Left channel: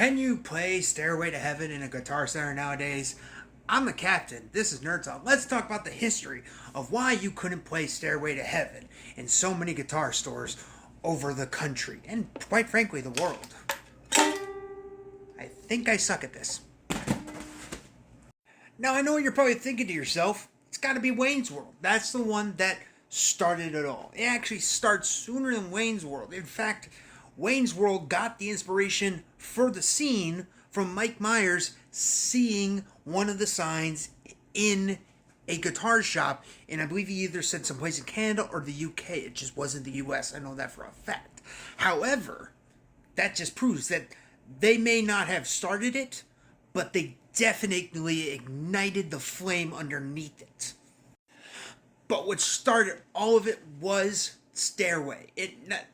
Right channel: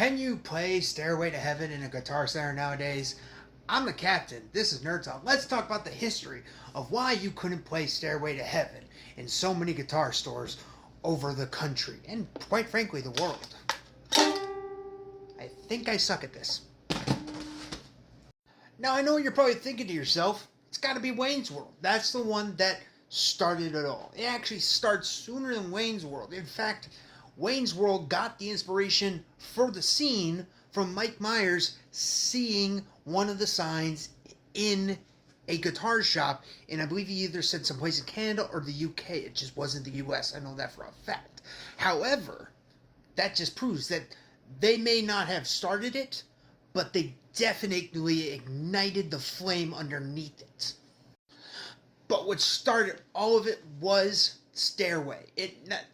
Can you play Stairway to Heaven in a Guitar Center nowadays? I'm the captain. This is Nerd Talk. Let's talk about the history of why you couldn't play Stairway to Heaven in so many guitar stores over the country and, quite frankly, the world. I think I suck at this. Now, I know what you're probably thinking to yourself. It's got to be Wayne's World. That's the one that started it all. It actually starts sooner than Wayne's World. In fact, Wayne's World got the inspiration for the scene from Mike Myers seeing one of the signs in a guitar shop, and I believe he either said someplace in Canada or the UK. It just wasn't the US. I know that for a fact. However, that just proves that they may not have started it, but they definitely ignited the flame underneath it. But what started all of it was Stairway.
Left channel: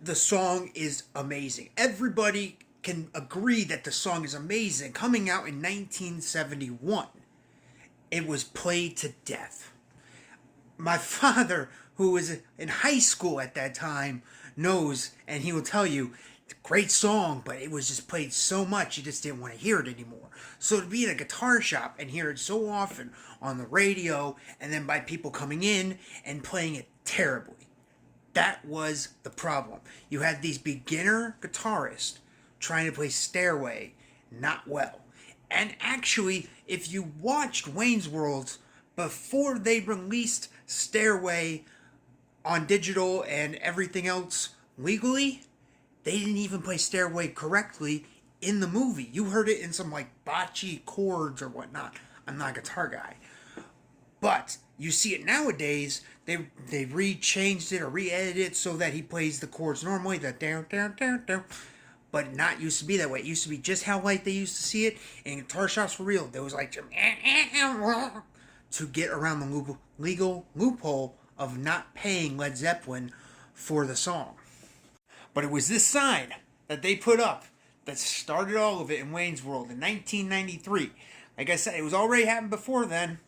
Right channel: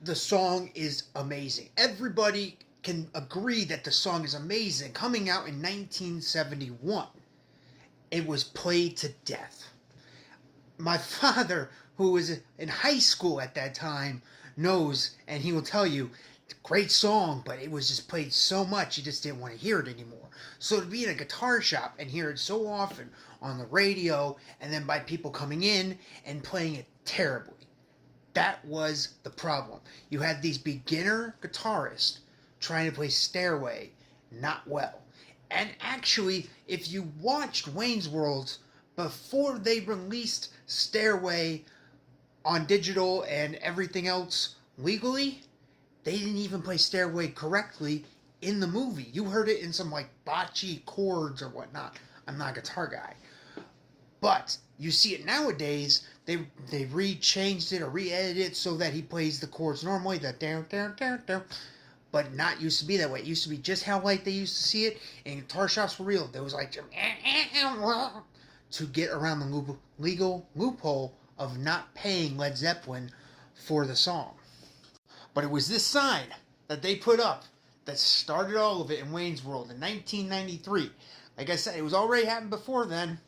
The song is amazing. Everybody can agree that the song is amazing. Coming out in 1971, it was played to death. My father, who was in high school at that time, knows, and he will tell you, it's a great song, but it was just played so much, you just didn't want to hear it anymore. So to be in a guitar shop and hear it so often on the radio, and then by people coming in and playing it terribly, that was the problem. You had these beginner guitarists trying to play Stairway not well. And actually, if you watched Wayne's World before they released Stairway on digital and everything else legally, they didn't even play Stairway correctly in the movie. You heard it in some like botchy chords or whatnot. I'm not a guitar guy. But you see it nowadays, they re-changed it or re-edited it so that he plays the chords normally, that down, down, down, down. But not used to be that way. It used to be just how like they used to see it in guitar shops for real. There was like to get around the legal loophole of not paying Led Zeppelin for the song. But it was this sign that they put up that started all of it in Wayne's World in 1993. Like I said, it was already happened before then,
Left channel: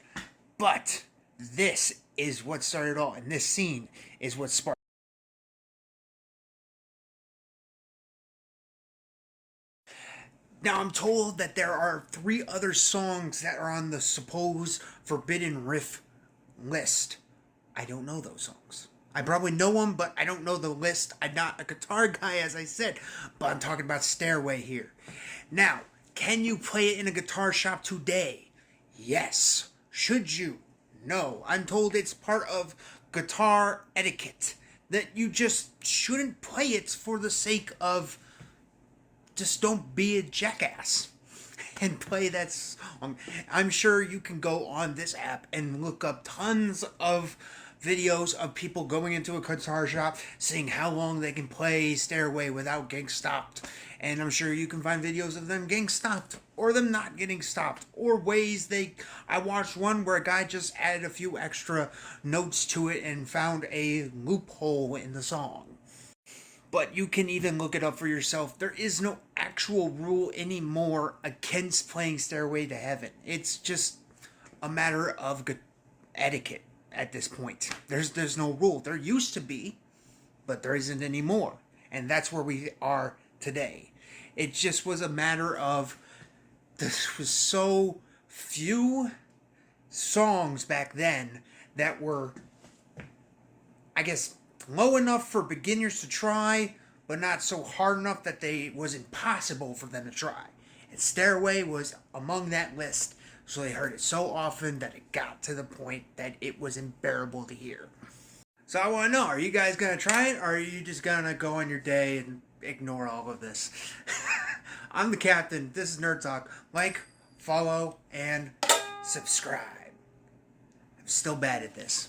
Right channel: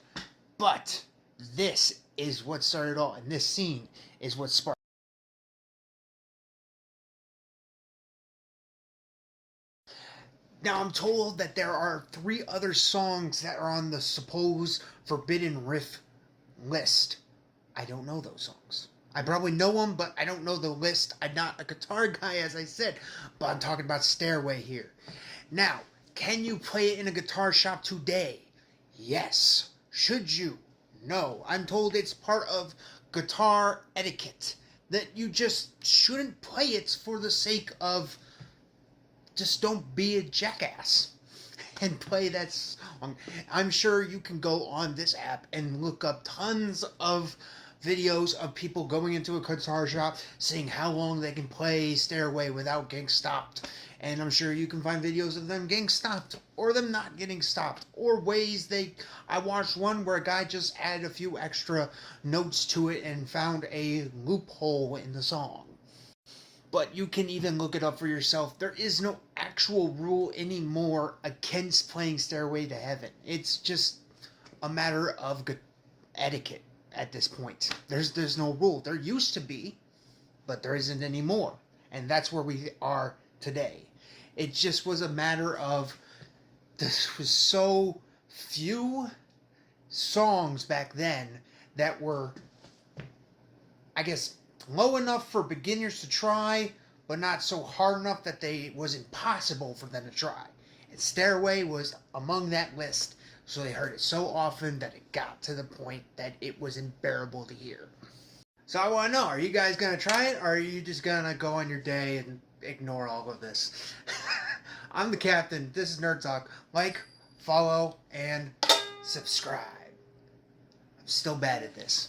but this is what started all, and this scene is what sparked. Now, I'm told that there are 3 other songs that are on the supposed forbidden riff list. I don't know those songs. I probably know them, but I don't know the list. I'm not a guitar guy, as I said, but I'm talking about Stairway here. Now, can you play it in a guitar shop today? Yes. Should you? No. I'm told it's part of guitar etiquette, that you just shouldn't play it for the sake of just don't be a jackass and play that song. I'm sure you can go on this app and look up tons of videos of people going into a guitar shop, seeing how long they can play Stairway without getting stopped. And I'm sure you can find videos of them getting stopped, or them not getting stopped, or ways I watched one where a guy just added a few extra notes to it and found a loophole in the song. But you can even look it up for yourself. There is no actual rule anymore against playing Stairway to Heaven. It's just a matter of etiquette at this point. There's no rule. There used to be, but there isn't anymore. And that's where we are today. It just was a matter of there was so few songs back then that were, I guess, low enough for beginners to try, but not so hard enough that it was impossible for them to try. And Stairway was among that list, so they heard it so often that it got to the point that it was unbearable to hear. So I want to know, are you guys going to try it, or are you just going to go on your day and ignore all of this? I'm the captain. This is Nerd Talk. Like, follow, and subscribe. I'm still bad at this.